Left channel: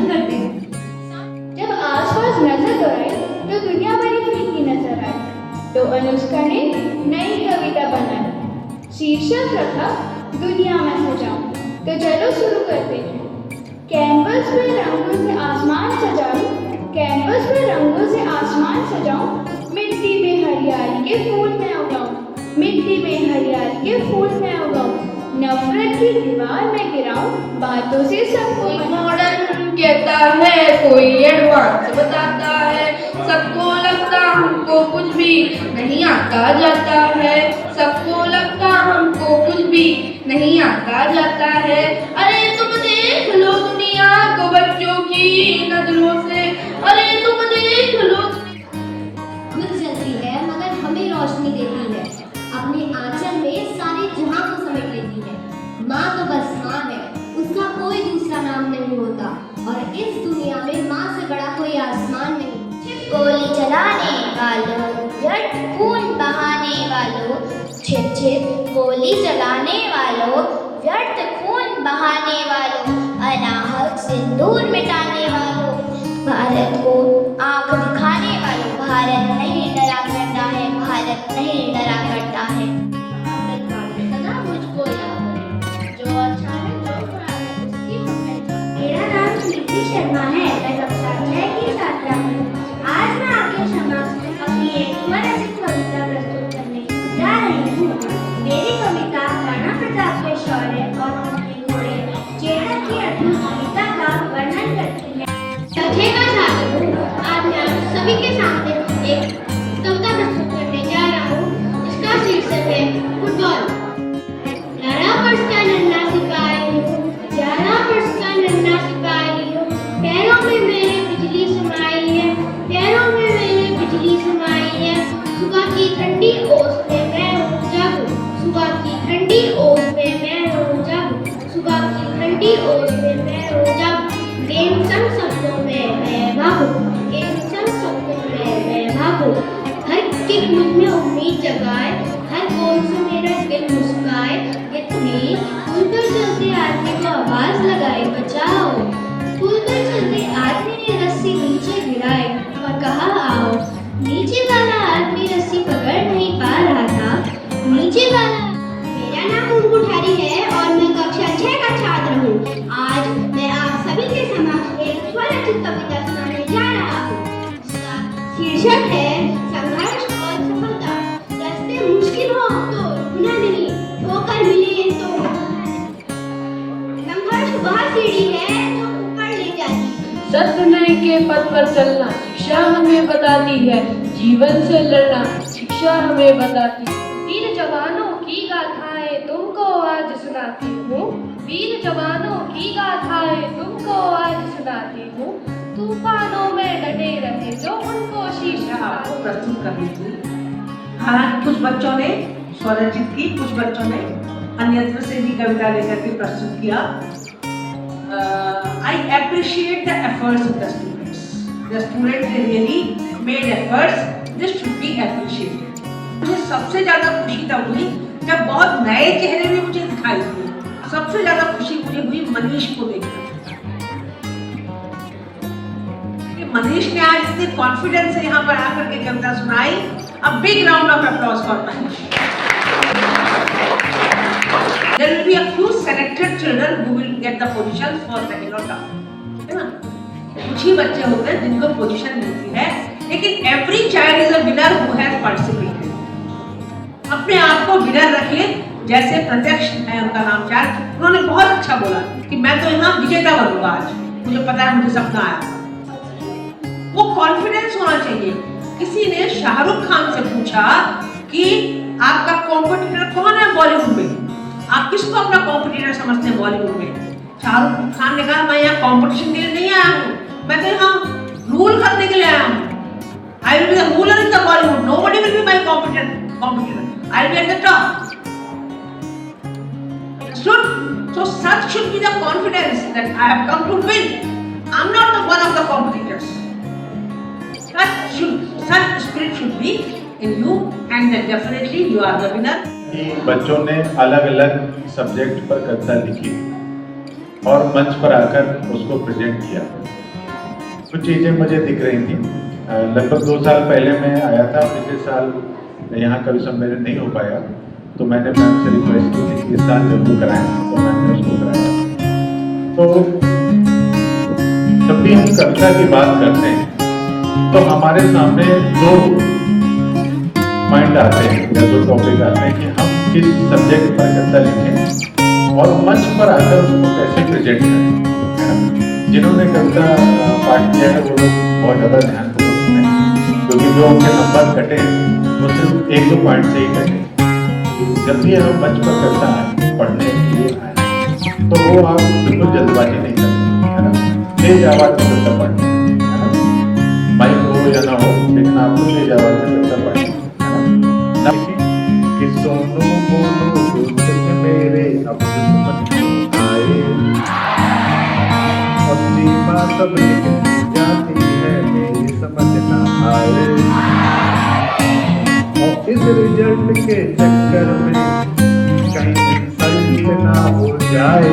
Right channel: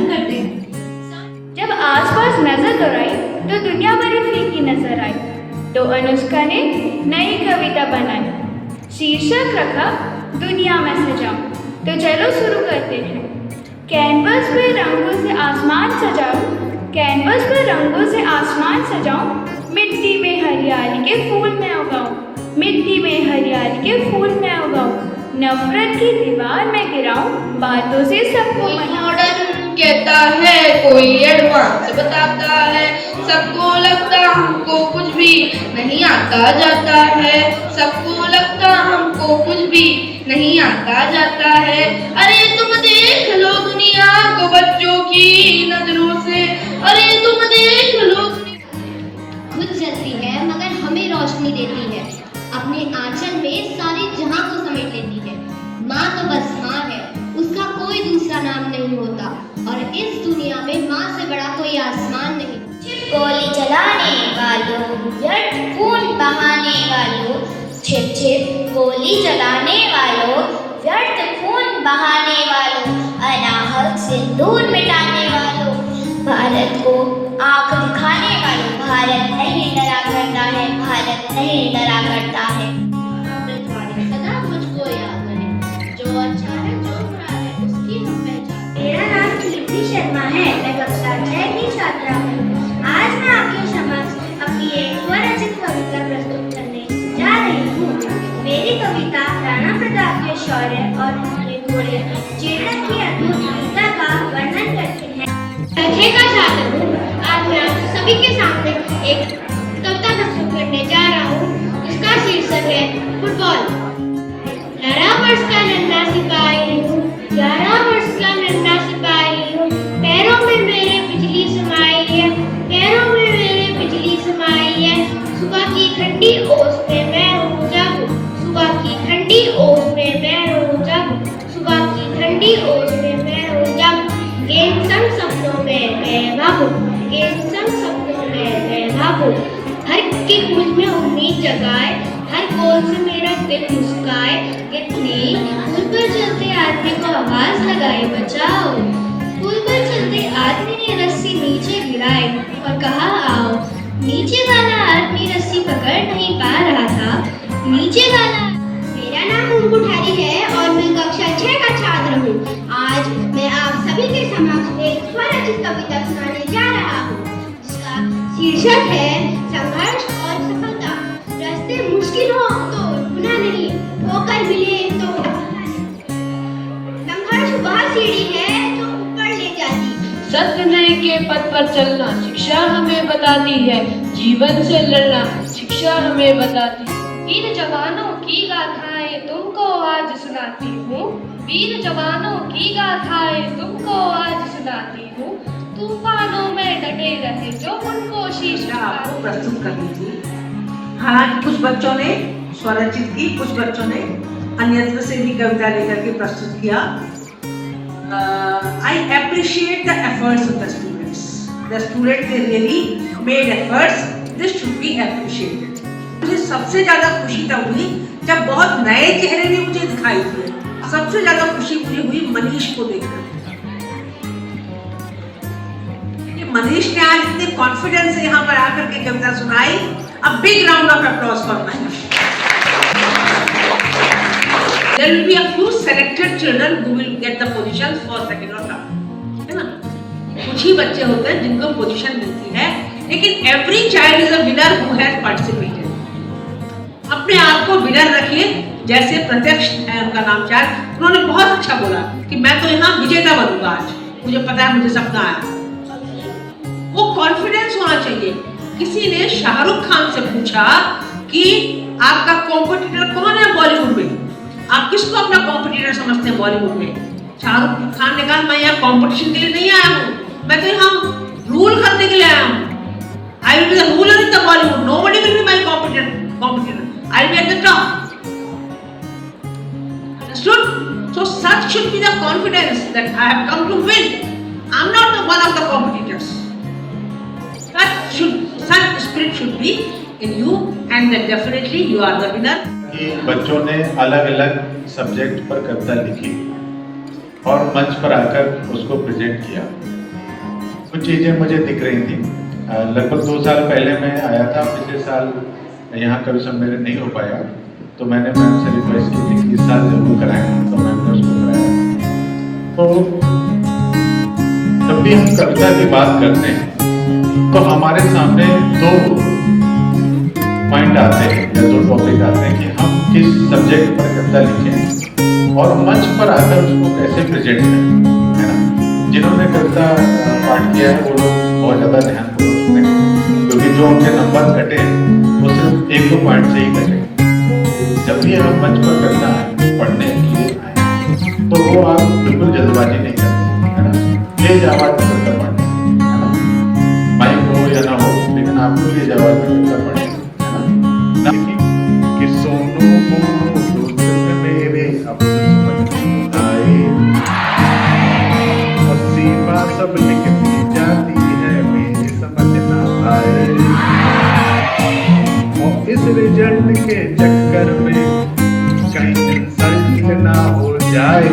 पसंद करते हैं। जब आसपास नजर दौड़ाई तो दुनिया बड़ी फीकी नजर आई, तो अनुष्का ने नई कविता बनाई, शीर्षक रखा दुनिया में सजाऊं। तो चलो शुरू करते हैं। कैनवस पे रंगों से आसमान सजाऊं, कैनवस पे रंगों से आसमान सजाऊं, मिट्टी में हरियाली के फूल मैं उगाऊं, मिट्टी में हरियाली के फूल मैं उगाऊं, नफरत की दीवार में गिराऊं, बातों से सबको मॉडर्न कहता है, कोई एडवांस बताता है, सबको लगता हमको कुछ भी नहीं आता जाता है, सबको लगता हमको कुछ भी नहीं आता जाता है। अरे तुम देख लो दुनिया को बच्चों की नजरों से, अरे तुम देख लो। खुद जलती है मगर हमें रोशनी देती है, अपने आंचल में सारे जहां को समेट लेती है। माँ तो बस माँ है, उसका कोई दूसरा नाम नहीं होता, और इस दुनिया में माँ से बड़ा कोई आसमान नहीं। गोली चलाने वालों, व्यर्थ खून बहाने वालों, छिप छिप गोली चलाने वालों, व्यर्थ खून बहाने वालों, अनाहक सिंदूर मिटाने वालों, भारत को आंख दिखाने वालों, भारत नहीं डरा करता है, भारत नहीं डरा करता है। सदा मुझको याद है, जो अच्छा है जो बुरा है उसकी हम पहचान। मेरा नाम कीर्ति शर्मा है, मैं कक्षा 6 की छात्रा हूँ। आज मैं आपके समक्ष अपनी एक स्वरचित कविता प्रस्तुत करने जा रही हूँ। मेरी कविता राणा प्रताप के शौर्य और उनके घोड़े चेतक की अद्भुत वीरता का वर्णन करती है। कक्षा का छात्र हूँ। आज मैं आप सभी के सामने एक कविता प्रस्तुत करने जा रहा हूँ, जिसका शीर्षक है फुटबॉल। 11 वर्ष का नन्हा सिपाही हूँ, 11 वर्ष का नन्हा सिपाही हूँ, पैरों में मेरे बिजली समाई है, पैरों में मेरे बिजली समाई है, सुबह की ठंडी ओस पे मैं रो जागूं, सुबह की ठंडी ओस पे मैं रो जागूं, सुबह की ठंडी ओस पे मैं रो जागूं, गेंद संग सपनों में मैं भागूं, गेंद संग सपनों में मैं भागूं, हर किक मुझ में उम्मीद जगाए, हर गोल से मेरा दिल मुस्काए, कितनी पुल पर चलते आदमी को आवाज लगाए बचाओ, पुल पर चलते आदमी ने रस्सी नीचे गिराए और कहा आओ, नीचे वाला आदमी रस्सी पकड़ नहीं पा रहा था, नीचे वाला। मेरा नाम मुंगू ठारी है और मैं कक्षा 6 का छात्र हूँ। आज मैं आप सभी के समक्ष एक स्वरचित कविता सुनाने जा रहा हूँ, जिसका शीर्षक है संघर्ष और सफलता। रास्ते मुश्किल हो तो गुनाह नहीं, होकर मिले तो संघर्ष वह सीढ़ी है जो ऊपर ले जाती। सत्य के पथ पर चलना शिक्षा हमें बताती है, जीवन से लड़ना शिक्षा हमें बताती है। वीर जवानों की गाथाएं तुमको आज सुनाती हूँ, वीर जवानों की गाथाएं तुमको आज सुनाती हूँ, तूफानों में डटे रहे जो उनको शीश आपको प्रस्तुत करनी थी। हालांकि कुछ बच्चों ने स्वरचित की, कुछ बच्चों ने अन्यत्र से भी कविता लेकर के प्रस्तुत किया। I appreciate the efforts of the students. The students they really made efforts. This should be appreciated. मुझे सबसे ज्यादा खुशी तब हुई जब बहुत नए चेहरे भी मुझे दिखाई दिए। सबसे ज्यादा खुशी मुझे हुई मनीष को देखकर। मनीष ने आज इतने कॉन्फिडेंस से यहाँ पर आकर के कविता सुनाई। A big round of applause for Manish. There will be a few selected children who will get the positions for second or third. है ना? कुछ ही बच्चे होते हैं जिनको पोजीशन मिलती है, लेकिन every child is a winner who has participated. अपने आप को विनर रखिए, जैसे प्रत्यक्ष है उनका नाम चार, उन्होंने बहुत अच्छा बोला कि मैं तो यहाँ विजेता बनूंगा आज, मुझे पता है, मुझे सपना है। वो कॉन्फिडेंस होना चाहिए। किसी ने शाहरुख खान से पूछा कि आपका कॉम्पिटिटर कौन है बॉलीवुड में, आप किसको अपना कॉम्पिटिटर समझते हैं बॉलीवुड में? शाहरुख खान ने कहा मैं यहाँ कॉम्पिटिशन के लिए नहीं आया हूँ, मैं तो यहाँ रूल करने के लिए आया हूँ। I will be the ruler in the Bollywood. Nobody will be my competitor. I will be at the top. Understood? So such should be the confidence that I have come to win. I am not the one of the competitors. Such spirit should be in you, and then definitely you are the winner. बच्चों ने अलग अलग subject पर कविता लिखी। और मंच पर आकर उसको प्रेजेंट किया। कुछ चीज़ें मुझे दिख रही थी। लगभग 2 साल पहले मैं आया था, पिछले साल यहाँ कवि सम्मेलन नहीं हो पाया, तो मैंने मैम से रिक्वेस्ट की थी कि इस साल जरूर कराएं, तो मैम ने उसको कराया। तो जब भी हम कविता की बात करते हैं तो हमारे सामने 2 पॉइंट आते हैं या 2 टॉपिक आते हैं कि हम किस सब्जेक्ट पर कविता लिखें और मंच पर आकर उसको कैसे प्रेजेंट करें, है ना। जिन्होंने कविता पाठ किया है वो लोग बहुत ज़्यादा ध्यानपूर्वक सुने, क्योंकि जो उनके नंबर कटे वो सिर्फ 1-2 पॉइंट से ही कटे। जब भी हम मंच पर कविता पढ़ने के लिए आए तो वो आप बिल्कुल जल्दबाजी नहीं करें, है ना। तेज आवाज़ में कविता पढ़ें, है ना। माइक हो या ना हो, लेकिन आपको तेज आवाज़ में कविता पढ़ें, है ना। कि सोनू मोनू दोस्त मेरे अब समझ आए और सीमा सब लिखती जाती है मेरी समझ ना आए, और इस रिजल्ट के चक्कर में कहीं इंसल्ट ना हो जाए।